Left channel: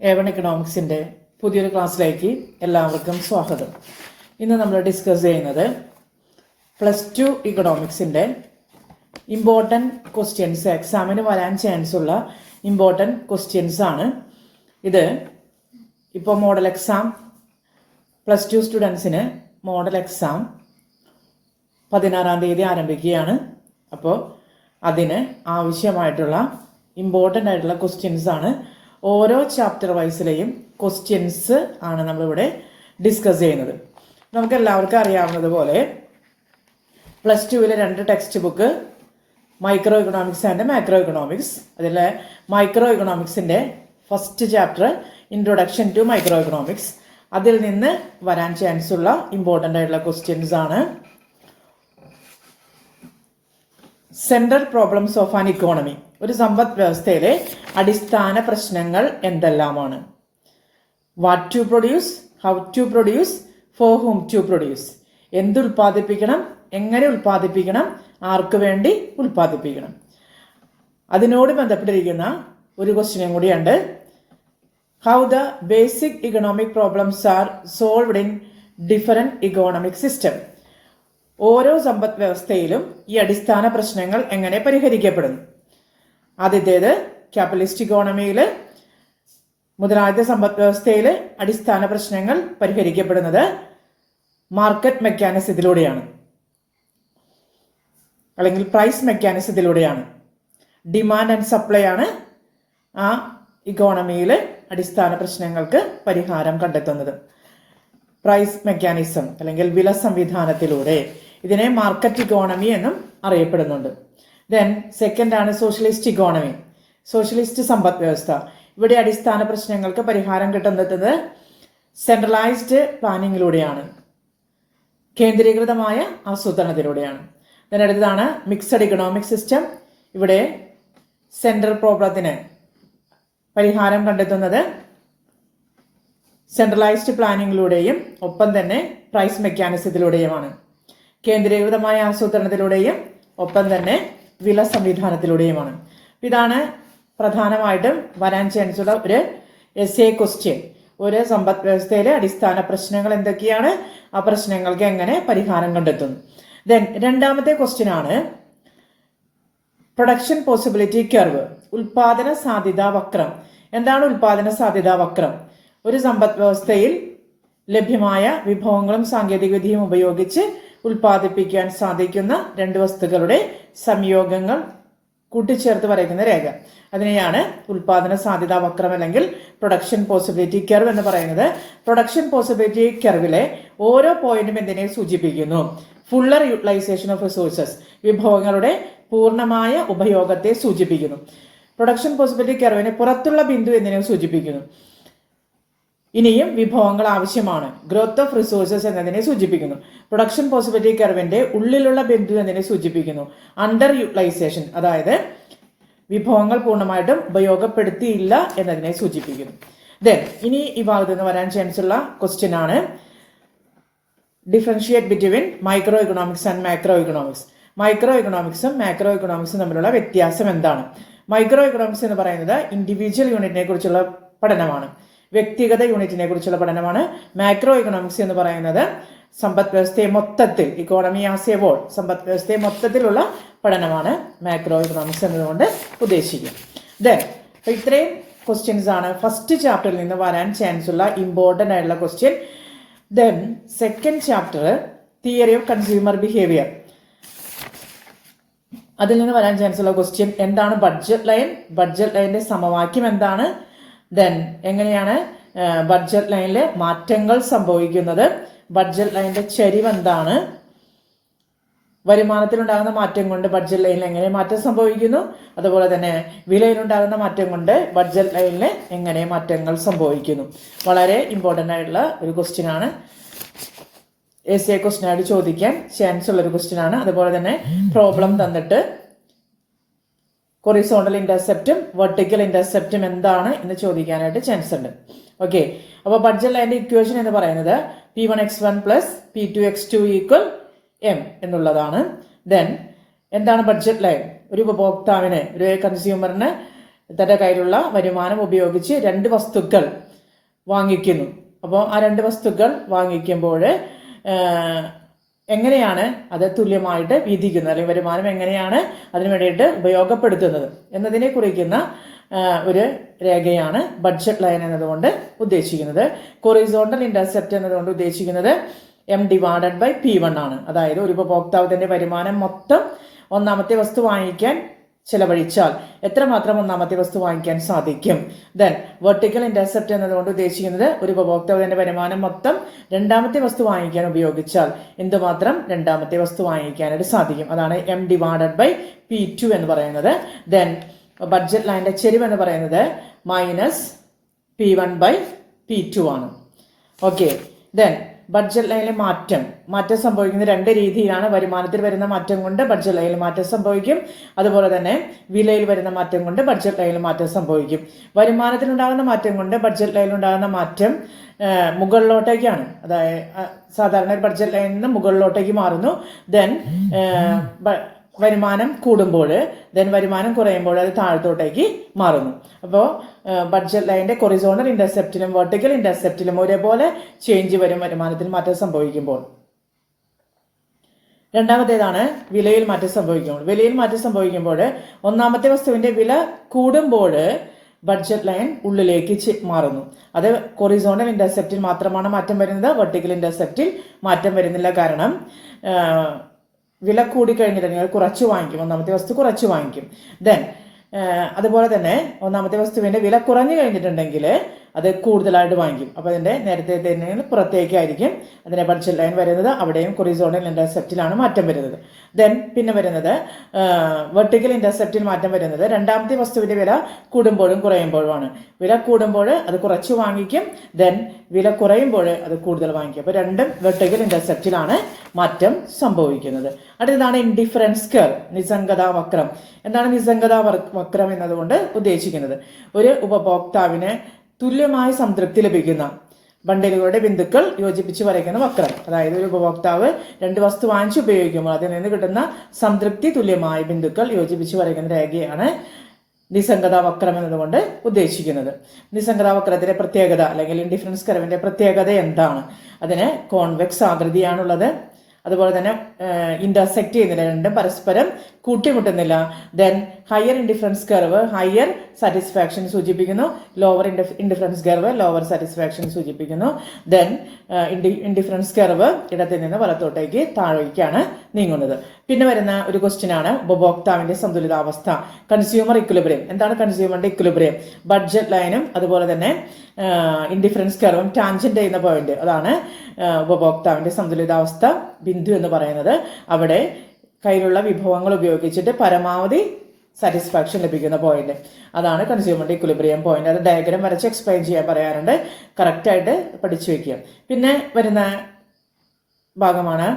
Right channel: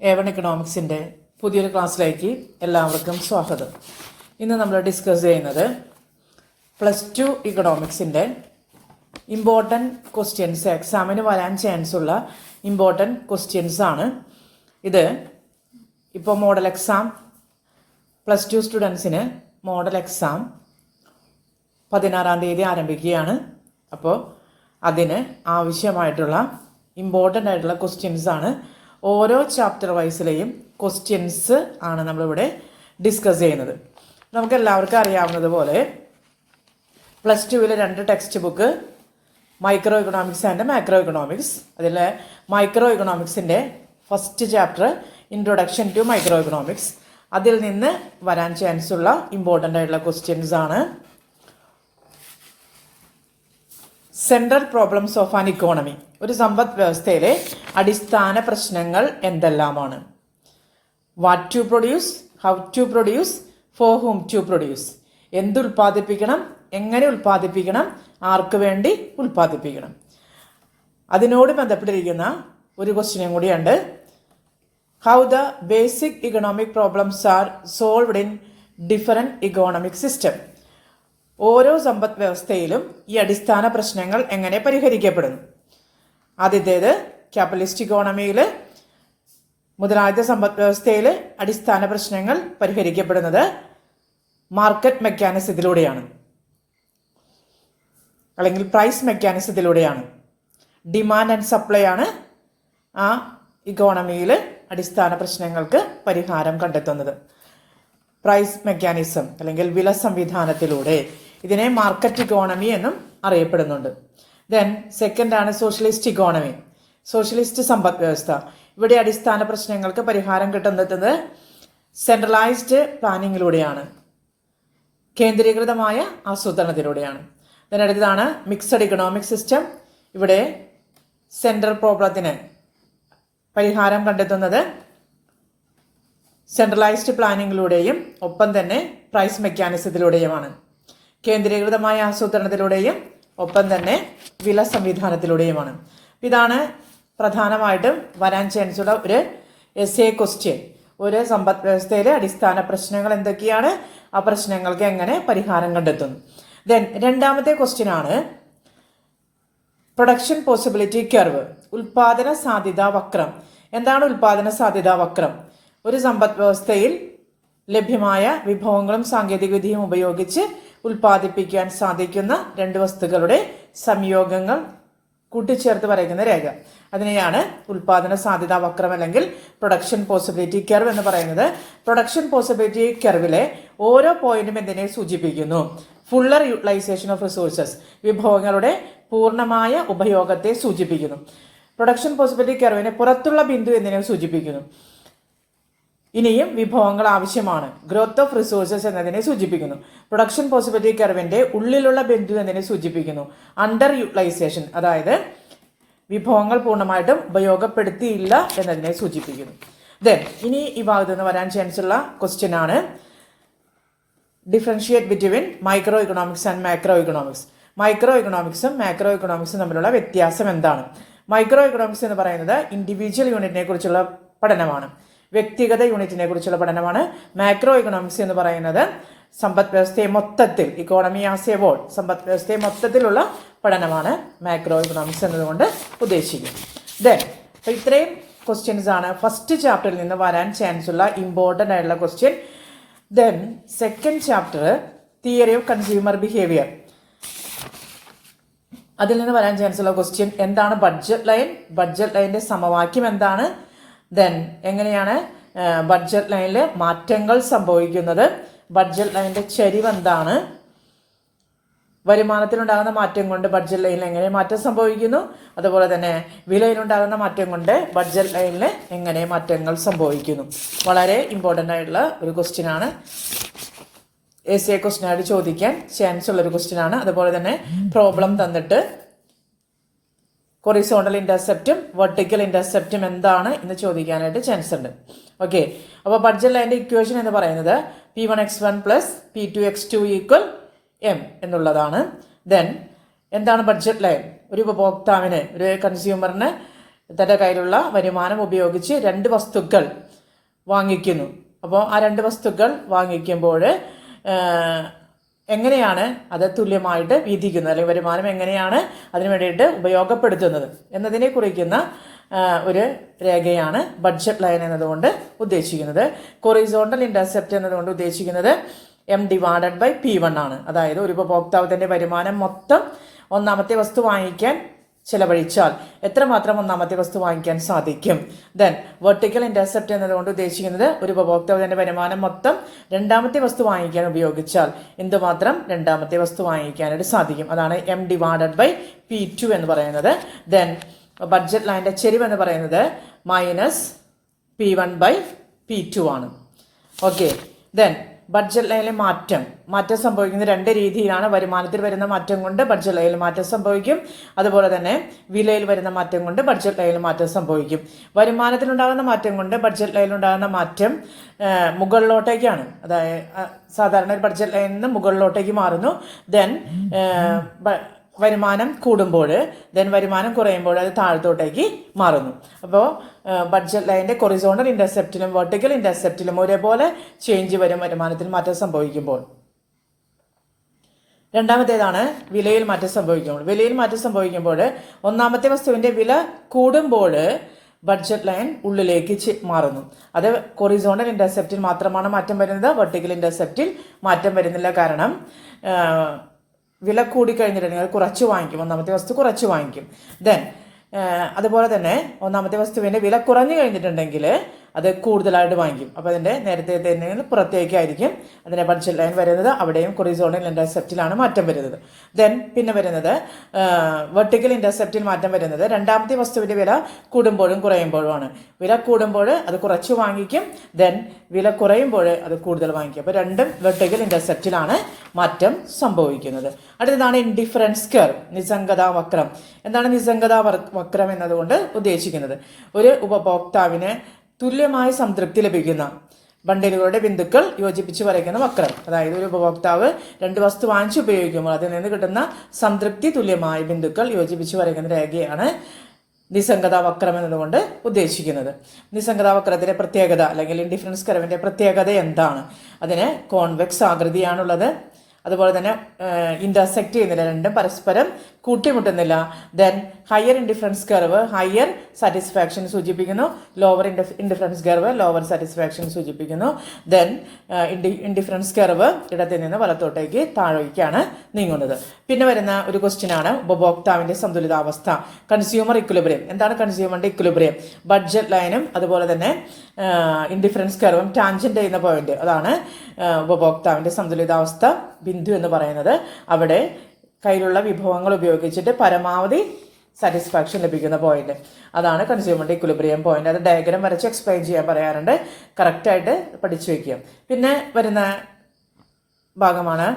A1 എക്കണോമിക്സിൻ്റെ പുതിയൊരു ക്ലാസ്സിലേക്ക് എല്ലാവർക്കും സ്വാഗതം. ഇന്ന് നമ്മൾ ഡിസ്കസ് ചെയ്യുന്നത് +2 ഇക്കണോമിക്സിൻ്റെ ഇമ്പോർട്ടൻറ്റ് ക്വസ്റ്റ്യൻസ്, എക്സാമിന് വരാൻ ചാൻസ് ഉള്ള ഇമ്പോർട്ടൻറ്റ് ക്വസ്റ്റ്യൻസ് ആണ്. ഇത് ഇപ്പോൾ മോഡൽ എക്സാം +2 സ്റ്റുഡൻസിന് മോഡൽ എക്സാം 16-ാം തീയതി ആരംഭിക്കുകയാണ്. അപ്പോൾ അതിന് ആവശ്യമായിട്ടുള്ള ഇമ്പോർട്ടൻ്റ് ആയിട്ടുള്ള ക്വസ്റ്റ്യൻസ് ആണ്. ഓരോ ചാപ്റ്റർ വൈസിലെയും ക്വസ്റ്റ്യൻസ് ആണ് നമ്മളിവിടെ ഡിസ്കസ് ചെയ്യുന്നത്. നമുക്ക് എല്ലാവർക്കും അറിയാവുന്നതുപോലെ +2-ലെ 2 text book micro economics and macro economics. അതിലെ മൈക്രോ ഇക്കണോമിക്സിൻ്റെ first chapter introduction to micro economics. അതിൽ നിന്ന് വരാൻ ചാൻസ് ഉള്ള ഇമ്പോർട്ടൻ്റ് ആയിട്ടുള്ള ക്വസ്റ്റ്യൻസ് ആണ്. Central problems of an economy, ഒരു സമ്പദ് വ്യവസ്ഥയിലെ അടിസ്ഥാന പ്രശ്നങ്ങൾ എന്തെല്ലാമാണ്? What to produce, how to produce, for whom to produce. എന്ത് ഉൽപ്പാദിപ്പിക്കണം, എങ്ങനെ ഉൽപ്പാദിപ്പിക്കണം, ആർക്ക് വേണ്ടി ഉൽപ്പാദിപ്പിക്കണം. അതിനോട് ബന്ധപ്പെട്ടിരിക്കുന്ന ഒരു ക്വസ്റ്റ്യനും കൂടിയുണ്ട്. How the basic economic problems R solved in different economic system. ഓരോ സമ്പദ് വ്യവസ്ഥയിലും ഈ അടിസ്ഥാന പ്രശ്നങ്ങൾ എങ്ങനെ പരിഹരിക്കപ്പെടുന്നു? ആദ്യത്തേത് ക്യാപിറ്റലിസ്റ്റ് ഇക്കോണമിയിൽ, മുതലാളിത്ത സമ്പദ് വ്യവസ്ഥയിൽ അടിസ്ഥാന പ്രശ്നങ്ങൾ പരിഹരിക്കപ്പെടുന്നത് മാർക്കറ്റ് മെക്കാനിസത്തിലൂടെയാണ്, അല്ലെങ്കിൽ പ്രൈസ് മെക്കാനിസത്തിലൂടെയാണ്. ഡിമാൻഡ് ആൻഡ് സപ്ലൈ ആണ് ആ ഇക്കോണമിയിൽ അടിസ്ഥാന പ്രശ്നങ്ങൾക്ക് പരിഹാരം കണ്ടെത്തുന്നത്. പ്രൈസ് മെക്കാനിസം അല്ലെങ്കിൽ വില സംവിധാനത്തിലൂടെ. ഇതിനെ മാർക്കറ്റ് ഇക്കോണമി എന്നും അറിയപ്പെടുന്നുണ്ട്. ദെൻ സെക്കൻഡ് ആണ് സോഷ്യലിസ്റ്റ് ഇക്കോണമി, സോഷ്യലിസ്റ്റ് സമ്പദ് വ്യവസ്ഥ. ഇവിടെ അടിസ്ഥാന പ്രശ്നങ്ങൾക്ക് പരിഹാരം കിട്ടുന്നത് സെൻട്രലൈസ്ഡ് പ്ലാനിങ്ങിലൂടെയാണ്, കേന്ദ്രീകൃതമായ ആസൂത്രണത്തിലൂടെയാണ്. ദെൻ അടുത്തതാണ് മിക്സഡ് ഇക്കണോമിക് സിസ്റ്റം. ഇവിടെ സെൻട്രൽ പ്രോബ്ലത്തിന് പരിഹാരം കണ്ടെത്തുന്നത് സെൻട്രലൈസ്ഡ് പ്ലാനിങ്ങിലൂടെയും ഒപ്പം തന്നെ പ്രൈസ് മെക്കാനിസത്തിലൂടെയുമാണ്. കേന്ദ്രീകൃതമായ ആസൂത്രണത്തിലൂടെയും ഒപ്പം തന്നെ വില സംവിധാനത്തിലൂടെയുമാണ്. ഇതാണ് പ്രധാനമായിട്ടും വരാൻ ചാൻസ് ഉള്ള ഒരു എസ്എ ക്വസ്റ്റ്യൻ. ഒരു സമ്പദ് വ്യവസ്ഥയിലെ അടിസ്ഥാന പ്രശ്നങ്ങൾ എന്തൊക്കെയാണ്, ആ പ്രശ്നങ്ങൾക്ക് എങ്ങനെ പരിഹാരം കണ്ടെത്തുന്നു. ദെൻ രണ്ടാമത്തെ ക്വസ്റ്റ്യൻ ആണ് പ്രൊഡക്ഷൻ പോസിബിലിറ്റി കർവ്, ഉൽപാദന സാധ്യതാ വക്രം. എന്താണ് ഉൽപാദന സാധ്യതാ വക്രം? ഒരു സമ്പദ് വ്യവസ്ഥയിൽ ലഭ്യമായ വിഭവങ്ങളും സാങ്കേതിക വിദ്യയും ഉപയോഗിച്ച് ഉൽപ്പാദിപ്പിക്കാൻ സാധിക്കുന്ന രണ്ട് വസ്തുക്കളുടെ സംയോഗങ്ങൾ കൂട്ടിച്ചേർത്ത് വരയ്ക്കുന്ന രേഖ. അതിനെയാണ് ഉൽപാദന സാധ്യതാ വക്രം അല്ലെങ്കിൽ പ്രൊഡക്ഷൻ പോസിബിലിറ്റി കർവ് എന്ന് പറയുന്നത്. പ്രൊഡക്ഷൻ പോസിബിലിറ്റി കർവിലെ ഓരോ പോയിന്റും എന്തിനെ സൂചിപ്പിക്കുന്നു? ഫുള്ളർ യൂട്ടിലൈസേഷൻ ഓഫ് റിസോഴ്സസ്, വിഭവങ്ങളുടെ പൂർണ്ണമായ ഉപയോഗത്തെ സൂചിപ്പിക്കുന്നു. പ്രൊഡക്ഷൻ പോസിബിലിറ്റി കർവിനെ പുറത്തുള്ള ബിന്ദു എന്തിനെ സൂചിപ്പിക്കുന്നു? ഇനിയും വിഭവങ്ങൾ ആവശ്യമാണ്, ഗ്രോത്ത് ഓഫ് റിസോഴ്സസ് എന്നതിനെ സൂചിപ്പിക്കുന്നു. പ്രൊഡക്ഷൻ പോസിബിലിറ്റി കർവിന്റെ ഉള്ളിലുള്ള ബിന്ദു എന്നതിനെ സൂചിപ്പിക്കുന്നു അണ്ടർ യൂട്ടിലൈസേഷൻ, അതായത് വിഭവങ്ങൾ പൂർണ്ണമായിട്ടും ഉപയോഗപ്പെടുത്തിയില്ല എന്നതിനെ സൂചിപ്പിക്കുന്നു. ദെൻ ഇനി ഈ ഭാഗത്ത് നിന്ന് വരാൻ ചാൻസ് ഉള്ള ക്വസ്റ്റ്യൻ ആണ് differentiate between micro economics and macro economics. Micro ഇക്കണോമിക്സും മാക്രോ ഇക്കണോമിക്സും തമ്മിലുള്ള വ്യത്യാസം എന്താണ്? മൈക്രോ ഇക്കണോമിക്സ് എന്ന് പറയുന്നത് ഇൻഡിവിജ്വൽ യൂണിറ്റിനെ കുറിച്ചുള്ള പഠനമാണ്, വ്യക്തിഗത യൂണിറ്റിനെ കുറിച്ചുള്ള പഠനമാണ്. മാക്രോ ഇക്കണോമിക്സ് എന്ന് പറയുന്നത് സമ്പദ് വ്യവസ്ഥയെ മൊത്തത്തിൽ, ഇക്കോണമി ആസ് എ ഹോൾ, സമ്പദ് വ്യവസ്ഥയെ മൊത്തത്തിലുള്ള പഠനമാണ് മാക്രോ ഇക്കണോമിക്സ് എന്നതുകൊണ്ട് ഉദ്ദേശിക്കുന്നത്. ദെൻ അപ്പോൾ ഇത്രയും ക്വസ്റ്റ്യൻസ് ആണ് ഫസ്റ്റ് ചാപ്റ്ററിൽ നിന്ന് വരാൻ ചാൻസ് ഉള്ള ഇമ്പോർട്ടൻ്റ് ആയിട്ടുള്ള question. Then second chapter theory of consumer behaviour. അതിൽ നിന്ന് വരാൻ ചാൻസ് ഉള്ള ക്വസ്റ്റ്യൻ എന്താണ് ബഡ്ജറ്റ് ലൈൻ, ബഡ്ജറ്റ് ലൈനിന്റെ സമവാക്യം എന്താണ്, ദെൻ എങ്ങനെയാണ് ബഡ്ജറ്റ് ലൈനിൽ മാറ്റങ്ങൾ സംഭവിക്കുന്നത്, ബഡ്ജറ്റ് ലൈനിന്റെ ചരിവ് എന്താണ്, വരുമാനത്തിലുണ്ടാകുന്ന മാറ്റം കൊണ്ട് ബഡ്ജറ്റ് ലൈനിൽ എങ്ങനെ മാറ്റം സംഭവിക്കുന്നു, അതുപോലെ തന്നെ വിലയിലുണ്ടാകുന്ന മാറ്റം കൊണ്ട് ബഡ്ജറ്റ് ലൈനിൽ എങ്ങനെ മാറ്റങ്ങൾ സംഭവിക്കുന്നു. വളരെ ഇമ്പോർട്ടൻ്റ് ആയിട്ടുള്ള ഒരു ക്വസ്റ്റ്യൻ ആണ്. എസ് എ ക്വസ്റ്റ്യൻ ആയിട്ട് ചോദിക്കാൻ ചാൻസ് ഉള്ളൊരു ക്വസ്റ്റ്യൻ ആണ്. അതുപോലെ തന്നെ പ്രോബ്ലം തന്നിട്ട് ഹൊറിസോണ്ടൽ ഇന്റർസെപ്റ്റും വെർട്ടിക്കൽ ഇന്റർസെപ്റ്റും എന്താണ് എന്ന് ചോദിക്കാനായിട്ട് ചാൻസ് ഉണ്ട്. ഓക്കെ, അപ്പോൾ ബഡ്ജറ്റ് ലൈനിന്റെ ഇക്വേഷൻ എന്ന് പറയുന്നത് P1x1 + P2x2 = M എന്നുള്ളതാണ്. ദെൻ എന്താണ് ബഡ്ജറ്റ് ലൈൻ? ഒരു ഉപഭോക്താവിന്, ഒരു കൺസ്യൂമറിന് തന്റെ കയ്യിലുള്ള വരുമാനം ഉപയോഗിച്ച് 2 വസ്തുക്കൾ വാങ്ങിക്കുന്നു. അപ്പോൾ ആ 2 വസ്തുക്കൾ വാങ്ങിക്കുമ്പോൾ എങ്ങനെയാണ് അത് തുല്യമായിട്ട് വീതിക്കുന്നത്, അല്ലെങ്കിൽ വരുമാനം എങ്ങനെയാണ് അതിനു വേണ്ടിയിട്ട് ഉപയോഗപ്പെടുത്തുന്നത് എന്നതിനെ കുറിക്കുന്ന ഒരു രേഖയാണ് ബഡ്ജറ്റ് ലൈൻ എന്നതുകൊണ്ട് ഉദ്ദേശിക്കുന്നത്. ഹൊറിസോണ്ടൽ ഇന്റർസെപ്റ്റ് എന്നതുകൊണ്ട് ഉദ്ദേശിക്കുന്നത് M/P1 ആണ്. അതായത് ഒരു ഉപഭോക്താവിന്റെ വരുമാനം മൊത്തം ഒന്നാമത്തെ വസ്തു വാങ്ങിക്കാൻ ചെലവഴിച്ചാൽ എത്രമാത്രം ഒന്നാമത്തെ വസ്തു വാങ്ങിക്കാൻ സാധിക്കും. ദെൻ വെർട്ടിക്കൽ ഇന്റർസെപ്റ്റ് എന്നതുകൊണ്ട് ഉദ്ദേശിക്കുന്നത് ഒരു ഉപഭോക്താവിന്റെ വരുമാനം മൊത്തം രണ്ടാമത്തെ വസ്തു വാങ്ങിക്കാൻ ഉപയോഗിച്ചാൽ എന്തുമാത്രം രണ്ടാമത്തെ വസ്തു വാങ്ങിക്കാനായിട്ട് സാധിക്കും. അതാണ് M/P2 എന്ന് പറയുന്നത്. ദെൻ ബഡ്ജറ്റ് ലൈനിന്റെ ചെരിവ് എന്ന് പറയുന്നത് -P1/P2 ആണ്. ഓക്കെ. ദെൻ ബഡ്ജറ്റ് ലൈനിൽ മാറ്റം സംഭവിക്കുന്ന 2 രീതിയിലാണ്. വരുമാനത്തിൽ വരുന്ന മാറ്റം കൊണ്ട് ബഡ്ജറ്റ് ലൈനിൽ മാറ്റം സംഭവിക്കും. അതുപോലെ തന്നെ വിലയിൽ വരുന്ന മാറ്റം കൊണ്ട് ബഡ്ജറ്റ് ലൈനിൽ മാറ്റം സംഭവിക്കും. വരുമാനത്തിലുണ്ടാകുന്ന മാറ്റം കൊണ്ട് ബഡ്ജറ്റ് ലൈനിലുണ്ടാകുന്ന മാറ്റം മുകളിലോട്ടേക്കാണ്. അതായത് സാധാരണ ബഡ്ജറ്റ് ലൈനിൽ നിന്ന് മുകളിലോട്ടേക്ക് മാറുന്നു. ദെൻ വരുമാനം കൂടുമ്പോൾ വരുമാനം കുറയുമ്പോൾ അത് താഴത്തോട്ടേക്ക് മാറുന്നു. അപ്പോൾ ബഡ്ജറ്റ് ലൈനിന്റെ ഹൊറിസോണ്ടൽ ഇന്റർസെപ്റ്റിലും വെർട്ടിക്കൽ ഇന്റർസെപ്റ്റിലും ഒരേപോലെ ചേഞ്ച് വരും വരുമാനത്തിൽ മാറ്റം സംഭവിക്കുമ്പോൾ. രണ്ടാമത്തേതാണ് വിലയിൽ മാറ്റം സംഭവിക്കുമ്പോൾ. വിലയിൽ മാറ്റം സംഭവിക്കുമ്പോൾ ഒന്നാമത്തെ വസ്തുവിന്റെ വില കൂടുമ്പോൾ ബഡ്ജറ്റ് ലൈൻ ഉള്ളിലേക്ക് മാറുന്നു. അത് ഹൊറിസോണ്ടൽ ഇന്റർസെപ്റ്റിൽ മാത്രമാണ് മാറ്റം വരുന്നത്. വെർട്ടിക്കൽ ഇന്റർസെപ്റ്റിൽ മാറ്റം വരുന്നില്ല. കാരണം വില കൂടിക്കഴിഞ്ഞിട്ടുണ്ടെങ്കിൽ അത് കുറച്ച് വാങ്ങിക്കും. ഒന്നാമത്തെ വസ്തു കുറച്ച് വാങ്ങിക്കും. ദെൻ അതുപോലെ തന്നെ ഒന്നാമത്തെ വസ്തുവിന്റെ വില കുറഞ്ഞു കഴിഞ്ഞിട്ടുണ്ടെങ്കിൽ അത് കൂടുതലായിട്ട് വാങ്ങിക്കും. അപ്പോൾ അതിന്റെ നേരത്തെ തന്നെ പുറത്തേക്കായിരിക്കും അതിന്റെ ബഡ്ജറ്റ് ലൈൻ വരുന്നത്. അവിടെയും ഹൊറിസോണ്ടൽ ഇന്റർസെപ്റ്റിലാണ് മാറ്റം വരുന്നത്. ദെൻ പിന്നെ വരുന്നത് വെർട്ടിക്കൽ ഇന്റർസെപ്റ്റിൽ മാറ്റം വരുന്നത് രണ്ടാമത്തെ വസ്തുവിന്റെ വില കൂടുമ്പോഴും കുറയുമ്പോഴുമാണ്. വില കൂടുമ്പോൾ അത് കുറച്ച് വാങ്ങിക്കും. ദെൻ വില കുറയുമ്പോൾ അത് കൂടുതൽ വാങ്ങിക്കും. അപ്പോൾ രണ്ടും വെർട്ടിക്കൽ ഇന്റർസെപ്റ്റിലാണ് മാറ്റം സംഭവിക്കുന്നത്. അടുത്തതാണ് ഇൻഡിഫറൻസ് കർവ്, നിസ്സംഗതാ വക്രം. എന്താണ് നിസ്സംഗതാ വക്രം എന്നതുകൊണ്ട് ഉദ്ദേശിക്കുന്നത്? ഒരു ഉപഭോക്താവിന് തുല്യമായ സംതൃപ്തി ലഭിക്കുന്ന ബണ്ടിലുകളുടെ ബിന്ദുക്കൾ യോജിപ്പിച്ച് വരയ്ക്കുന്ന വക്രം. അതായത് ഒരു ഉപഭോക്താവ് 2 വസ്തു വാങ്ങിച്ച് ഉപയോഗിക്കുമ്പോൾ അതിൽ നിന്ന് കിട്ടുന്ന സംതൃപ്തി തുല്യമായ ബിന്ദുക്കൾ യോജിപ്പിച്ച് വരയ്ക്കുന്ന രേഖയാണ് നിസ്സംഗതാ വക്രം എന്നതുകൊണ്ട് ഉദ്ദേശിക്കുന്നത്. നിസ്സംഗതാ വക്രത്തിന്റെ പ്രത്യേകത അല്ലെങ്കിൽ ഇൻഡിഫറൻസ് കർവിന്റെ പ്രത്യേകത എന്താണ്? അതിന് കോൺവെക്സ് ആകൃതിയാണുള്ളത്. അതുപോലെ തന്നെ ഇന്റർസെക്ട് ചെയ്യുന്നില്ല, രണ്ടും പരസ്പരം കൂട്ടിമുട്ടുന്നില്ല. Then higher indifference curve higher satisfaction സൂചിപ്പിക്കുന്നു. Lower indifference curve lower satisfaction സൂചിപ്പിക്കുന്നു. ദെൻ ഇൻഡിഫറൻസ് കർവ് ഇടത്തിൽ നിന്ന് വലത്തോട്ടേക്ക് താഴേക്കാണ് നീങ്ങുന്നത്. പിന്നെ വരുന്ന ഒരു ക്വസ്റ്റ്യൻ ആണ് ഉപഭോക്താവിന്റെ സന്തുലിതാവസ്ഥ, കൺസ്യൂമർ ഇക്വിലിബ്രിയം. എന്താണ് കൺസ്യൂമറിന്റെ ഇക്വിലിബ്രിയം? ബഡ്ജറ്റ് ലൈനും അതുപോലെ തന്നെ ഇൻഡിഫറൻസ് കർവും ടാൻജന്റ് ചെയ്യുന്ന പോയിന്റ്, അതാണ് ഉപഭോക്താവിന്റെ സന്തുലിതാവസ്ഥ ബിന്ദു എന്ന് പറയുന്നത്. അവിടെ കയ്യിലുള്ള വിഭവങ്ങൾ ഉപയോഗിച്ചിട്ട് പരമാവധി സാറ്റിസ്ഫാക്ഷൻ ലഭിക്കുന്ന പോയിന്റ്, അതാണ് കൺസ്യൂമറിന്റെ ഇക്വിലിബ്രിയം പോയിന്റ്. അത് ഡയഗ്രാം വരച്ച് എക്സ്പ്ലെയിൻ ചെയ്യാൻ പറയാറുണ്ട്. കറക്റ്റായിട്ട് പഠിച്ചു വെക്കുക. പിന്നെ വരുന്ന ഭാഗമാണ്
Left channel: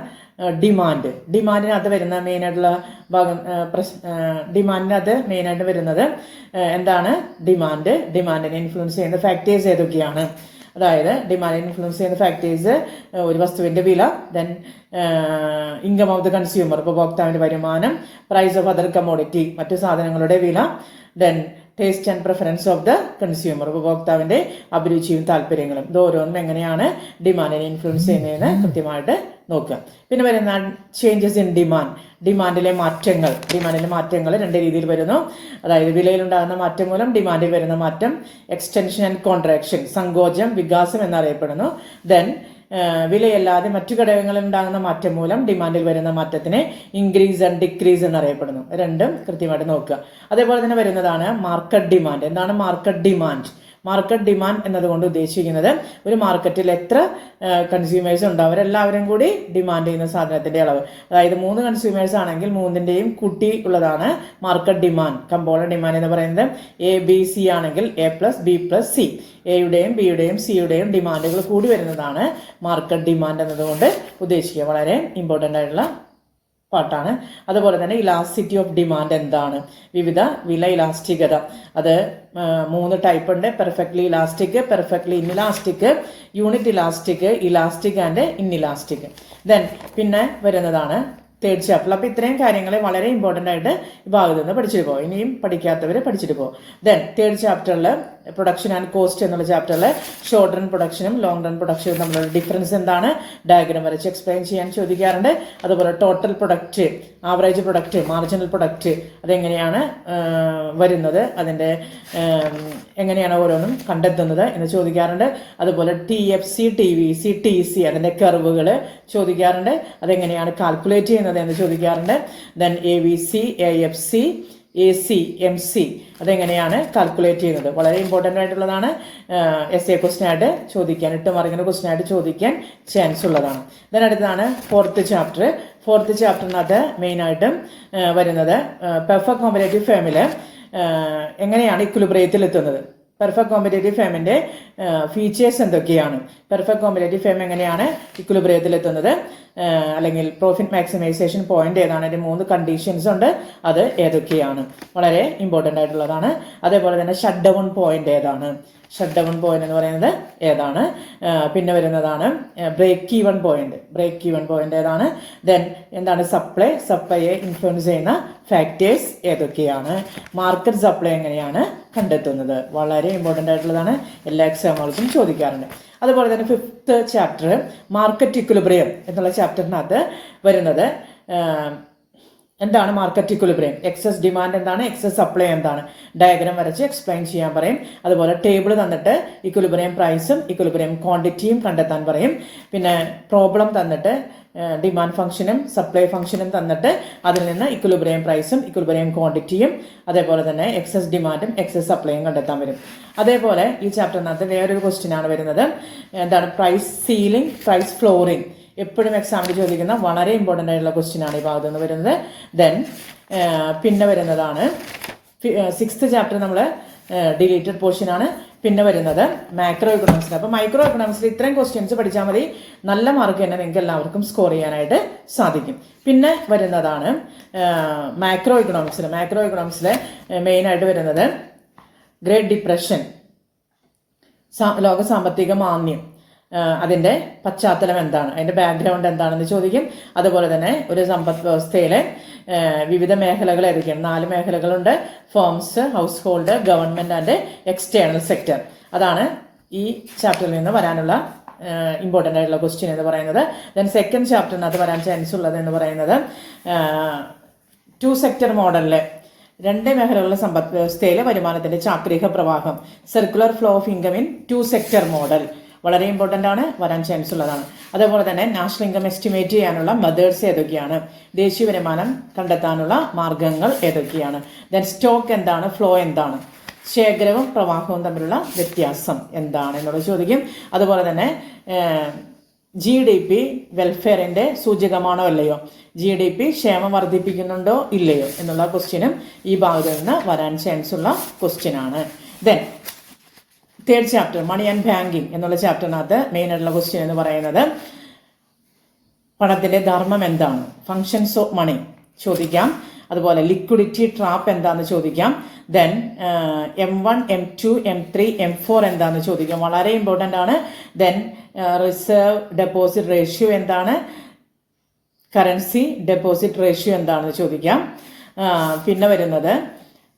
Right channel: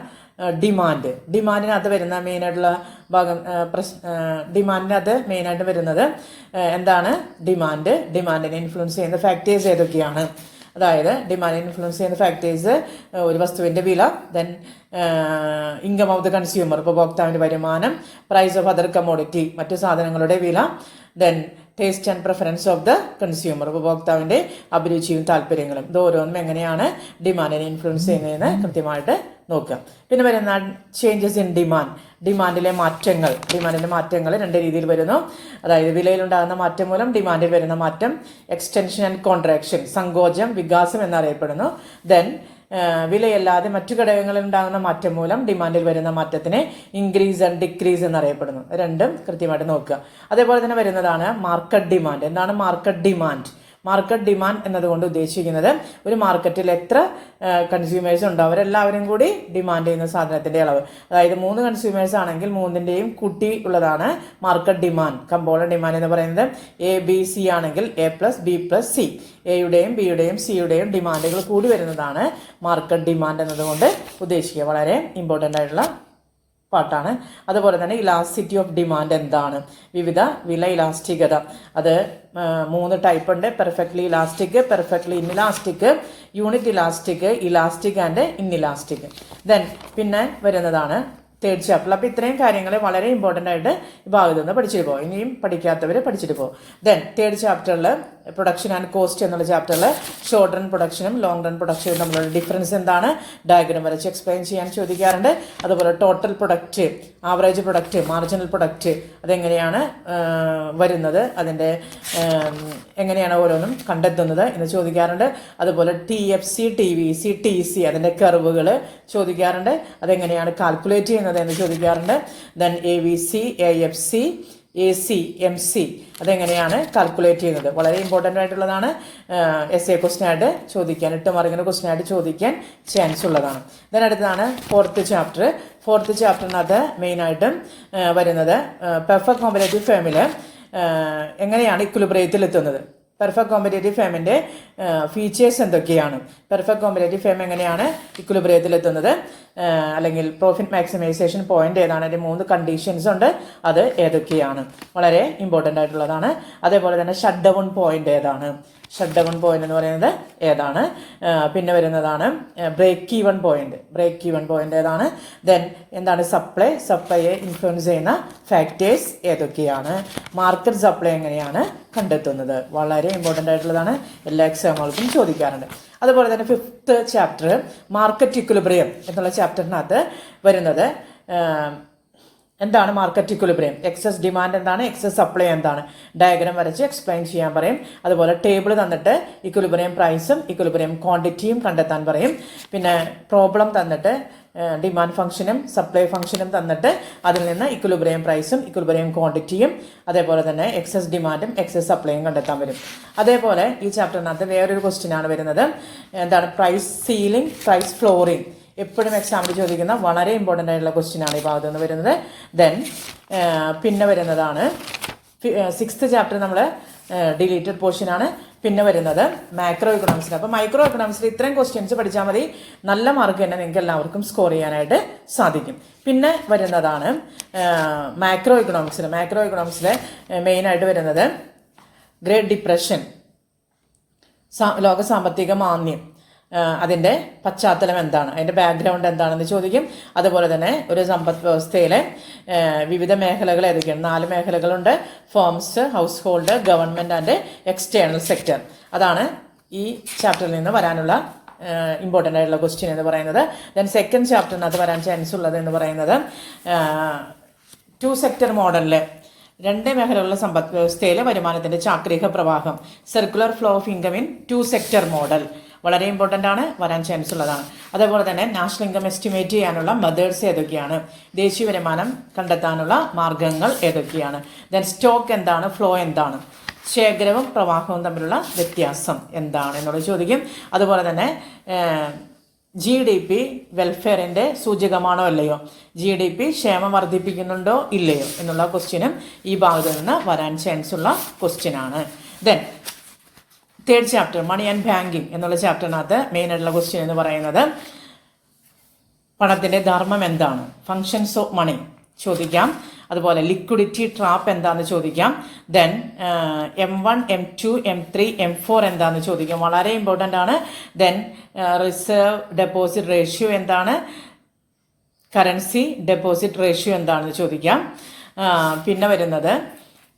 ഡിമാൻഡ്. ഡിമാൻഡിനകത്ത് വരുന്ന മെയിനായിട്ടുള്ള ഭാഗം, ഡിമാൻഡിനകത്ത് മെയിനായിട്ട് വരുന്നത് എന്താണ്? ഡിമാൻഡിനെ ഇൻഫ്ലുവൻസ് ചെയ്യുന്ന ഫാക്ടേഴ്സ് ഏതൊക്കെയാണ്? അതായത് ഡിമാൻഡിനെ ഇൻഫ്ലുവൻസ് ചെയ്യുന്ന ഫാക്ടേഴ്സ് ഒരു വസ്തുവിന്റെ വില, then income of the consumer ഉപഭോക്താവിന്റെ വരുമാനം, പ്രൈസ് ഓഫ് അതർ കമ്മോഡിറ്റി മറ്റു സാധനങ്ങളുടെ വില, then taste and preference of the consumer ഉപഭോക്താവിന്റെ അഭിരുചിയും താല്പര്യങ്ങളും. ഇത് ഓരോന്നും എങ്ങനെയാണ് ഡിമാൻഡിനെ ഇൻഫ്ലുവൻസ് ചെയ്യുന്നതെന്ന് കൃത്യമായിട്ട് നോക്കുക. പിന്നെ വരുന്ന ചേഞ്ചസ് ഇൻ ഡിമാൻഡിലെ മാറ്റങ്ങൾ. ഡിമാൻഡിലെ മാറ്റങ്ങൾ 2 രീതിയിൽ വരുന്നു. അതായത് വിലയിലുണ്ടാകുന്ന മാറ്റം മൂലം ഡിമാൻഡിൽ വരുന്ന മാറ്റം എക്സ്റ്റൻഷൻ ആൻഡ് കോൺട്രാക്ഷൻ, സങ്കോചം വികാസം എന്നറിയപ്പെടുന്നു. ദെൻ വിലയല്ലാതെ മറ്റു ഘടകങ്ങളിൽ ഉണ്ടാകുന്ന മാറ്റം മൂലം ഡിമാൻഡിൽ വരുന്ന മാറ്റത്തിനെ ഇൻക്രീസ് ആൻഡ് ഡിക്രീസ് എന്നറിയപ്പെടുന്നു. രണ്ടും കൃത്യമായിട്ട് നോക്കുക. അതേപോലെ തന്നെ വരുന്നതാണ് മാർക്കറ്റ് ഡിമാൻഡ്. എന്താണ് മാർക്കറ്റ് ഡിമാൻഡ്? മാർക്കറ്റ് ഡിമാൻഡ് എന്നതുകൊണ്ട് ഉദ്ദേശിക്കുന്നത് ഒരു മാർക്കറ്റിൽ എത്ര കൺസ്യൂമേഴ്സ് ഉണ്ടോ അവരെല്ലാവരും കൂടി ഡിമാൻഡ് ചെയ്യുന്ന സാധനത്തിന്റെ അളവ്. അതായത് 3 കൺസ്യൂമേഴ്സ് ആണെങ്കിൽ 3ന്റെയും കൂട്ടി ഉള്ളതാണ് മാർക്കറ്റ് ഡിമാൻഡ്. കമ്പോണന്റ് ഡിമാൻഡ് എന്ന് പറയുന്നത് ABC ആണെങ്കിൽ A+B+C, എയുടെയും ബിയുടെയും സിയുടെയും ഡിമാൻഡുകൾ കൂടി വരുന്നതാണ് മാർക്കറ്റ് ഡിമാൻഡ് എന്നതുകൊണ്ട് ഉദ്ദേശിക്കുക. വളരെ ഇമ്പോർട്ടൻ്റ് ആയിട്ടുള്ള പാർട്ടാണ്. അതുപോലെ തന്നെ ഇലാസ്റ്റിറ്റി ഓഫ് ഡിമാൻഡ് എന്താണ്? വിവിധ വില ഇലാസ്റ്റികത. അത് 3 ടൈപ്പ് ഉണ്ട്: perfectly elastic, perfectly inelastic, unit elastic, elastic and inelastic. Then പിന്നെ വരുന്നതാണ് തേർഡ് ചാപ്റ്റർ. അപ്പോൾ ഇത്രയും കാര്യങ്ങൾ വളരെ ഇമ്പോർട്ടൻ്റ് ആയിട്ട് ഈ ഭാഗത്ത് നിന്ന് പഠിച്ചിട്ട് പോകും. ഇനിയും പഠിക്കാത്തവർ പഠിച്ചിട്ട് പോകും. ദെൻ തേർഡ് ചാപ്റ്ററിൽ പ്രൊഡക്ഷൻ ആൻഡ് കോസ്റ്റ് എന്നുള്ള ചാപ്റ്ററിൽ ഷോർട്ട് റൺ പ്രൊഡക്ഷനും ലോങ് റൺ പ്രൊഡക്ഷനും തമ്മിലുള്ള ഡിഫറൻസ് എന്താണ്, ഡയഗ്രം വരച്ച് എക്സ്പ്ലെയിൻ ചെയ്യാൻ ചോദിക്കാറുണ്ട്. അതുപോലെ total product, average product, marginal product അതെങ്ങനെയാണ് വരുന്നത്, അതിൻ്റെ എങ്ങനെയാണ് ഓരോന്നും കണ്ടെത്തുന്നത് എന്ന് ചോദിക്കാറുണ്ട്. അതുപോലെ TFC, TVC, TC അതിൻ്റെ കർവുകൾ ചോദിക്കാറുണ്ട്. അതെങ്ങനെയാണ് കാൽക്കുലേറ്റ് ചെയ്യുന്നത് എന്ന് ചോദിക്കാറുണ്ട്. Then AVC, AFC, AC, MC അതെങ്ങനെയാണ് കാൽക്കുലേറ്റ് ചെയ്യുന്നത്, വളരെ ഇമ്പോർട്ടൻ്റ് ആയിട്ടുള്ളതാണ്. SA ക്വസ്റ്റ്യൻ ആയിട്ട് ചോദിക്കാൻ, 8 മാർക്കിന് ക്വസ്റ്റ്യൻ ആയിട്ട് ചോദിക്കാൻ ചാൻസ് ഉള്ളതാണ്. ദെൻ അടുത്തതാണ് ഫോർത്ത് ചാപ്റ്റർ. ഫോർത്ത് ചാപ്റ്ററിനകത്ത് മെയിനായിട്ടും വരുന്നത് പെർഫെക്റ്റ് കോമ്പറ്റേറ്റീവ് ഫേമിൽ എങ്ങനെയാണ് ഇക്വിലിബ്രിയത്തിൽ എത്തുന്നത്, പെർഫെക്റ്റ് കോമ്പറ്റേറ്റീവ് ഫേമിൻ്റെ ഫീച്ചേഴ്സ് എന്തൊക്കെയാണ്, പെർഫെക്റ്റ് കോമ്പറ്റേറ്റീവ് ഫേം എങ്ങനെയാണ് ഇക്വിലിബ്രിയത്തിൽ എത്തുന്നത്, അല്ലെങ്കിൽ പ്രോഫിറ്റ് മാക്സിമൈസേഷൻ പോയിന്റ് ഏതാണ്, അതിൻ്റെ 3 കണ്ടീഷൻസ് ഉണ്ട്, അത് ഏതൊക്കെയാണ്, വളരെ ഇമ്പോർട്ടൻ്റ് ആയിട്ടുള്ളതാണ്. അതേപോലെ തന്നെ ഷട്ട് ഡൗൺ പോയിന്റ് ഏതാണ്, ഷട്ട് ഡൗൺ പോയിന്റ് എന്ന് പറയുന്നത് ഏതാണ്. പിന്നെ വരുന്നതാണ് break even point, break even point ഏതാണ്. ദെൻ എന്താണ് സപ്ലൈയെ ഇൻഫ്ലുവൻസ് ചെയ്യുന്ന ഫാക്ടേഴ്സ് ഏതൊക്കെയാണ്, മാർക്കറ്റ് സപ്ലൈ എങ്ങനെയാണ് കണ്ടെത്തുന്നത്, വളരെ ഇമ്പോർട്ടൻ്റ് ആയിട്ടുള്ളതാണ്, എല്ലാ എക്സാമുകൾക്കും ചോദിക്കാറുണ്ട്. അതുപോലെ തന്നെ ഫിഫ്ത്ത് ചാപ്റ്റർ മാർക്കറ്റ് ഇക്വിലിബ്രിയം എന്നുള്ള ചാപ്റ്ററിനകത്ത് വരുന്നത് എന്താണ് മാർക്കറ്റ് ഇക്വിലിബ്രിയം, എക്സസ് ഡിമാൻഡ് എന്താണ്, എക്സസ് സപ്ലൈ എന്താണ്, ഡയഗ്രാം വരച്ച് എക്സ്പ്ലെയിൻ ചെയ്യാൻ പറയും. അതുപോലെ ടേബിൾ തന്നിട്ട് ഇക്വിലിബ്രിയം പ്രൈസും ഇക്വിലിബ്രിയം ക്വാണ്ടിറ്റിയും കണ്ടെത്താൻ പറയും. പിന്നെ പ്രോബ്ലം തന്നിട്ട് ഡിമാൻഡ് ഫംഗ്ഷനും സപ്ലൈ ഫംഗ്ഷനും തന്നിട്ട് അതിൽ നിന്ന് ഇക്വിലിബ്രിയം പ്രൈസും ഇക്വിലിബ്രിയം ക്വാണ്ടിറ്റിയും അതേപോലെ തന്നെ എക്സസ് ഡിമാൻഡും എക്സസ് സപ്ലൈയും കണ്ടെത്താൻ വരും. അതേപോലെ ഈ ചാപ്റ്ററിനകത്ത് വേറൊരു ക്വസ്റ്റ്യൻ ആണ് വരുന്നത്, എന്താണ് പ്രൈസ് സീലിംഗ്, പ്രൈസ് ഫ്ലോറിംഗ്, എപ്പോഴും എക്സാമിൽ ചോദിക്കുന്ന വളരെ ഇമ്പോർട്ടൻ്റ് ആയിട്ടുള്ള ക്വസ്റ്റ്യൻ ആണ് ഈ ഭാഗത്ത് നിന്ന് വരുന്നത്. ദെൻ പിന്നെ വരുന്നതാണ് സിക്സ്ത് ചാപ്റ്റർ നമ്മൾ ഡിലീറ്റഡ് പോർഷൻ ആണ്. പിന്നെ വരുന്നത് മാക്രോ ഇക്കണോമിക്സിൽ. അപ്പോൾ മൈക്രോ ഇക്കണോമിക്സിൽ ഇത്രയും ക്വസ്റ്റ്യൻസ് പഠിച്ചാൽ മതി, നല്ല മാർക്ക് തന്നെ നിങ്ങൾക്ക് എല്ലാവർക്കും സ്കോർ ചെയ്യാനായിട്ട് സാധിക്കും. പിന്നെ വരുന്നതാണ് മാക്രോ ഇക്കണോമിക്സിൽ. മാക്രോ ഇക്കണോമിക്സിൽ മെയിനായിട്ട് വരുന്നത് ഗ്രേറ്റ് ഡിപ്രഷൻ, ലോക സാമ്പത്തിക മാന്ദ്യം, അതിൻ്റെ പശ്ചാത്തലം എന്താണ്, അതിൻ്റെ ബാക്ക്ഗ്രൗണ്ട് എന്താണെന്ന് ചോദിക്കും. അതുപോലെ തന്നെ ഒരു സമ്പദ് വ്യവസ്ഥയിലെ വിവിധ മേഖലകൾ ഏതൊക്കെയാണ്, 4 മേഖലകളുണ്ട്, firms, house hold, government and external sector. അതാണ് ഈ ചാപ്റ്ററിൽ നിന്ന് വരാനുള്ള ഇമ്പോർട്ടൻ്റ് ആയിട്ടുള്ള ക്വസ്റ്റ്യൻ എന്ന് പറയുന്നത്. ദെൻ സെക്കൻഡ് ചാപ്റ്ററിനകത്ത് വരാൻ ചാൻസ് ഉള്ളത് എന്ന് പറയുന്നത് 2 സെക്ടർ മോഡലിൽ 2 മേഖലകളുടെ സമ്പദ് വ്യവസ്ഥയിലെ വരുമാനത്തിന്റെ ചാക്രിക പ്രവാഹം, circular flow of income in 2 sector model, വളരെ ഇമ്പോർട്ടൻ്റ് ആണ്, വരാൻ ചാൻസ് ഉള്ളതാണ്. അതേപോലെ തന്നെ നാഷണൽ ഇൻകം എസ്റ്റിമേറ്റ് ചെയ്യാനുള്ള മെത്തേഡ്സ് ഏതൊക്കെയാണ്, ദേശീയ വരുമാനം കണ്ടെത്താനുള്ള മാർഗങ്ങൾ ഏതൊക്കെയാണ്, ദെൻ സ്റ്റോക്ക് എന്താണ്, ഫ്ലോ എന്താണ്, ശേഖരവും പ്രവാഹവും തമ്മിലുള്ള വ്യത്യാസം എന്താണ് എന്നുള്ളത് ചോദിക്കും. അതുപോലെ തന്നെ GDP വെൽഫെയറിന്റെ സൂചകമാണോ അല്ലയോ, GDP ക്ഷേമം വർദ്ധിപ്പിക്കുന്നുണ്ടോ ഇല്ലയോ എന്നുള്ള ക്വസ്റ്റ്യനും ഈ ഭാഗത്ത് നിന്ന് വരാൻ ചാൻസ് ഉള്ള ക്വസ്റ്റ്യൻ ആണ്. Then third chapter money and banking എന്നുള്ള ചാപ്റ്ററിനകത്ത് മെയിൻ ആയിട്ടുള്ള ക്വസ്റ്റ്യൻ എന്ന് പറയുന്നത് പണത്തിന്റെ ധർമ്മം എന്താണ്, ഫങ്ഷൻസ് ഓഫ് മണി ചോദിക്കാം. അതുപോലെ ലിക്വിഡിറ്റി ട്രാപ്പ് എന്താണെന്ന് ചോദിക്കാം. Then M1, M2, M3, M4 എന്താണെന്ന് ചോദിക്കാം, വളരെ ഇമ്പോർട്ടൻ്റ് ആണ്. ദെൻ റിസർവ് ഡെപ്പോസിറ്റ് റേഷ്യോ എന്താണ്, കറൻസി ഡെപ്പോസിറ്റ് റേഷ്യോ എന്താണെന്ന് ചോദിക്കാം. പിന്നെ വരുന്നത്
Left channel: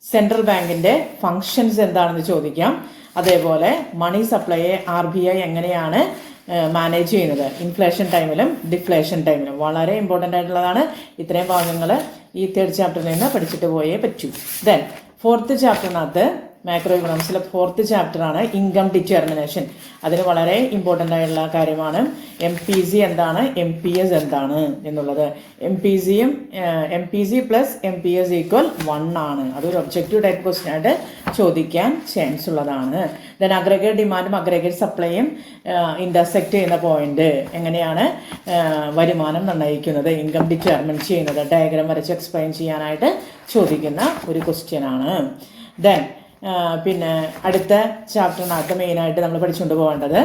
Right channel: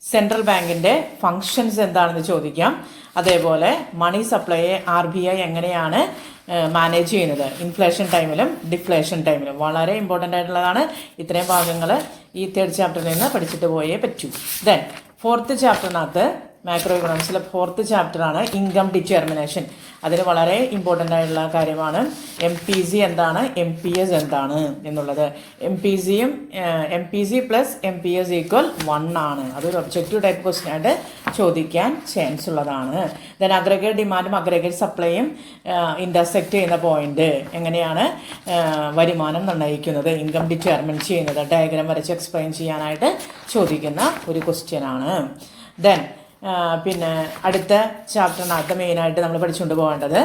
സെൻട്രൽ ബാങ്കിന്റെ ഫങ്ഷൻസ് എന്താണെന്ന് ചോദിക്കാം. അതേപോലെ മണി സപ്ലൈയെ RBI എങ്ങനെയാണ് മാനേജ് ചെയ്യുന്നത്, ഇൻഫ്ലേഷൻ ടൈമിലും ഡിഫ്ലേഷൻ ടൈമിലും, വളരെ ഇമ്പോർട്ടൻ്റ് ആയിട്ടുള്ളതാണ്. ഇത്രയും ഭാഗങ്ങൾ ഈ തേർഡ് ചാപ്റ്ററിൽ നിന്ന് പഠിച്ചിട്ട് പോയേ പറ്റൂ. ദെൻ ഫോർത്ത് ചാപ്റ്ററിനകത്ത് മാക്രോ ഇക്കണോമിക്സിലെ ഫോർത്ത് ചാപ്റ്ററാണ് ഇൻകം ഡിറ്റർമിനേഷൻ. അതിന് വളരെ ഇമ്പോർട്ടൻ്റ് ആയിട്ടുള്ള കാര്യമാണ് MPC എന്താണ്, MPS എന്താണ് എന്നുള്ളത്. MPC പ്ലസ് MPS ഈക്വൽ 1 ആണ്. അതൊരു ഒബ്ജക്റ്റീവ് ടൈപ്പ് ക്വസ്റ്റ്യൻ ആയിട്ട് ചോദിക്കാൻ ചാൻസ് ഉള്ളതാണ്. ദെൻ അഗ്രഗേറ്റ് ഡിമാൻഡും അഗ്രഗേറ്റ് സപ്ലൈയും ഇന്റർസെക്ട് ചെയ്യുന്ന പോയിന്റ്, എങ്ങനെയാണ് വരുമാനം നിർണ്ണയിക്കുന്നത്, ഇൻകം ഡിറ്റർമിൻ ചെയ്യുന്നത്, ഡയഗ്രാം വരച്ച് എക്സ്പ്ലെയിൻ ചെയ്യാനായിട്ട് ചോദിക്കുന്ന ഒരു ക്വസ്റ്റ്യൻ ആണ്. ദെൻ പിന്നെ അടുത്ത ചാപ്റ്ററിനകത്ത് മെയിനായിട്ട് നമ്മൾ പഠിച്ചുകൊണ്ട് പോകേണ്ടത്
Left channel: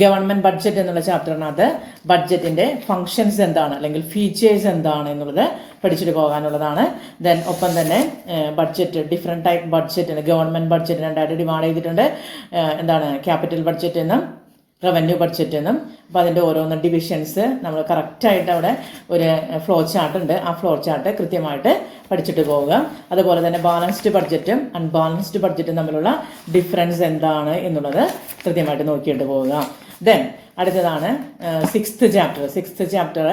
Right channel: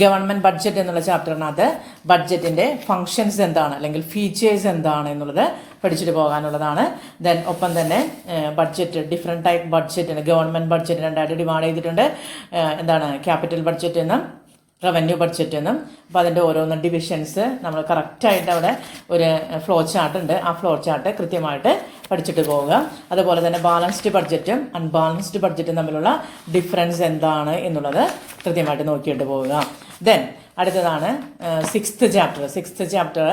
ഗവൺമെന്റ് ബഡ്ജറ്റ് എന്നുള്ള ചാപ്റ്ററിനകത്ത് ബഡ്ജറ്റിന്റെ ഫങ്ഷൻസ് എന്താണ് അല്ലെങ്കിൽ ഫീച്ചേഴ്സ് എന്താണ് എന്നുള്ളത് പഠിച്ചിട്ട് പോകാനുള്ളതാണ്. ദെൻ ഒപ്പം തന്നെ ബഡ്ജറ്റ്, ഡിഫറെന്റ് ടൈപ്പ് ബഡ്ജറ്റിന് ഗവൺമെന്റ് ബഡ്ജറ്റ് 2 ഡിവൈഡ് ചെയ്തിട്ടുണ്ട്. എന്താണ് ക്യാപിറ്റൽ ബഡ്ജറ്റ് എന്നും റവന്യൂ ബഡ്ജറ്റ് എന്നും. അപ്പോൾ അതിൻ്റെ ഓരോന്ന് ഡിവിഷൻസ് നമ്മൾ കറക്റ്റായിട്ട് അവിടെ ഒരു ഫ്ലോ ചാർട്ട് ഉണ്ട്. ആ ഫ്ലോ ചാർട്ട് കൃത്യമായിട്ട് പഠിച്ചിട്ട് പോവുക. അതുപോലെ തന്നെ ബാലൻസ്ഡ് ബഡ്ജറ്റും അൺബാലൻസ്ഡ് ബഡ്ജറ്റും തമ്മിലുള്ള ഡിഫറൻസ് എന്താണ് എന്നുള്ളത് കൃത്യമായിട്ട് നോക്കിയിട്ട് പോവുക. ദെൻ അടുത്തതാണ് sixth chapter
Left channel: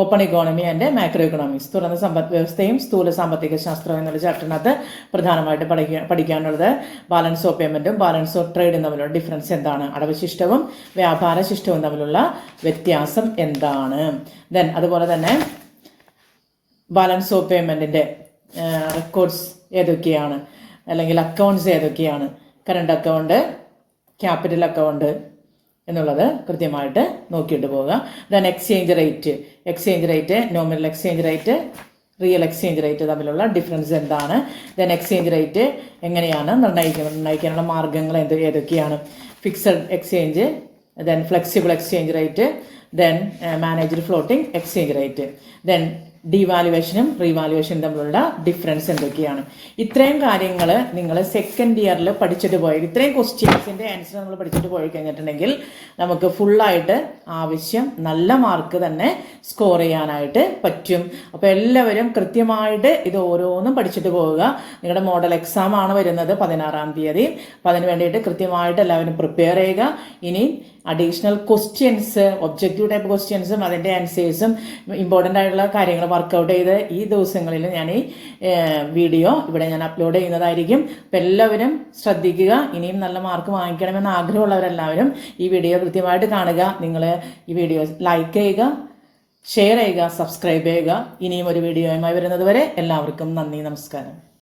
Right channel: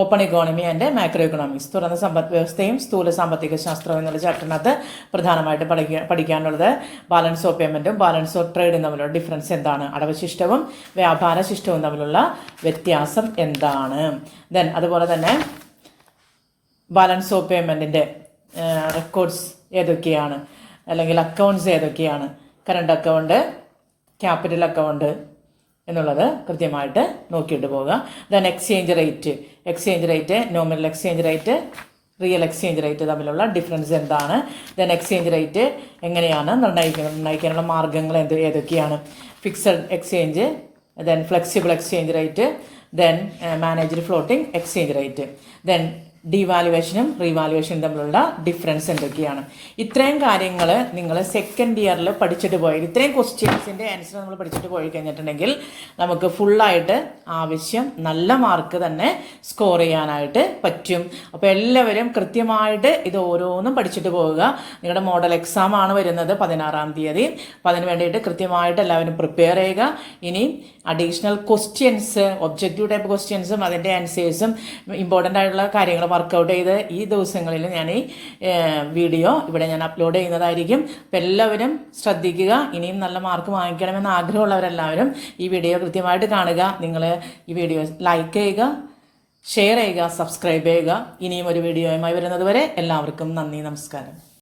open economy and macro economics, തുറന്ന സമ്പദ് വ്യവസ്ഥയും സ്ഥൂല സാമ്പത്തിക ശാസ്ത്രം എന്നുള്ള ചാപ്റ്ററിനകത്ത് പ്രധാനമായിട്ട് പഠിക്കാനുള്ളത് ബാലൻസ് ഓഫ് പേയ്മെൻറ്റും ബാലൻസ് ഓഫ് ട്രേഡും തമ്മിലുള്ള ഡിഫറൻസ് എന്താണ്, അടവ് ശിഷ്ടവും വ്യാപാര ശിഷ്ടവും തമ്മിലുള്ള വ്യത്യാസം എന്താണ്. ദെൻ അതുപോലെ തന്നെ ബാലൻസ് ഓഫ് പേയ്മെൻറ്റിൻ്റെ റെക്കോർഡ്സ് ഏതൊക്കെയാണ്, അല്ലെങ്കിൽ അക്കൗണ്ട്സ് ഏതൊക്കെയാണ്, കറണ്ട് അക്കൗണ്ട്, ക്യാപിറ്റൽ അക്കൗണ്ട് എന്നുള്ളത് കൃത്യമായിട്ട് നോക്കിയിട്ട് പോവുക. Then exchange rate, nominal exchange rate, real exchange rate തമ്മിലുള്ള ഡിഫറൻസ് എന്താണ്. ദെൻ എക്സ്ചേഞ്ച് റേറ്റ് എങ്ങനെയാണ് നിർണ്ണയിക്കാനുള്ള മാർഗ്ഗങ്ങൾ ഏതൊക്കെയാണ്, fixed exchange, then flexible exchange rate, then managed floating exchange rate, then ഡിവാലുവേഷനും റീവാലുവേഷനും തമ്മിലുള്ള ഡിഫറൻസ് എന്തൊക്കെയാണ്. ഇത്രയും കാര്യങ്ങൾ നിങ്ങൾ സെക്കൻഡ് ഇയറിൽ പഠിച്ചിട്ട് പോയത്, ഇത്രയും ക്വസ്റ്റ്യൻസിൻ്റെ ആൻസർ നമ്മൾ പഠിച്ചിട്ട് പോയി കഴിഞ്ഞിട്ടുണ്ടെങ്കിൽ നമുക്ക് ഫുള്ളായിട്ട് ആവശ്യം നല്ല മാർക്ക് തന്നെ സ്കോർ ചെയ്യാനായിട്ട് പറ്റും. അപ്പോൾ എല്ലാവരും കൃത്യമായിട്ട് ഇത് ഓരോന്നും പഠിച്ചിട്ട് പോവുക. നിങ്ങളുടെ മോഡൽ എക്സാം ആണ് വരുന്നത് 16-ാം തീയതി. അപ്പോൾ അതിന് വേണ്ടിയിട്ട് കൃത്യമായിട്ട് എല്ലാവരും പ്രിപ്പയർ ചെയ്യുക. ഇനി അഡീഷണൽ ക്വസ്റ്റ്യൻസ്, ഒബ്ജക്റ്റീവ് ടൈപ്പ് ക്വസ്റ്റ്യൻസും അതിൻ്റെ ആൻസേഴ്സും ഇമ്പോർട്ടൻ്റ് ആയിട്ടുള്ള കാര്യങ്ങൾ വർക്കൗട്ട് ചെയ്ത് ഈ ദിവസങ്ങളിൽ ഞാൻ ഈ വീഡിയോ ഇവിടെ ഞാൻ അപ്ലോഡ് ചെയ്യുന്നതായിരിക്കും. അപ്പം എല്ലാവരും ശ്രദ്ധിക്കുക. ഇനിയും നല്ല മാർക്ക് വാങ്ങിക്കണമെന്ന് ആഗ്രഹമുള്ളവരെല്ലാവരും ഈ വീഡിയോ കൃത്യമായിട്ട് കാണുക. നിങ്ങൾ ഈ വീഡിയോ ലൈക്ക് ചെയ്യുക, ഷെയർ ചെയ്യുക, സബ്സ്ക്രൈബ് ചെയ്യുക. ഇനിയും ഒരു വീഡിയോയുമായി വരുന്നത് വരെ എല്ലാവർക്കും നന്ദി, നമസ്കാരം.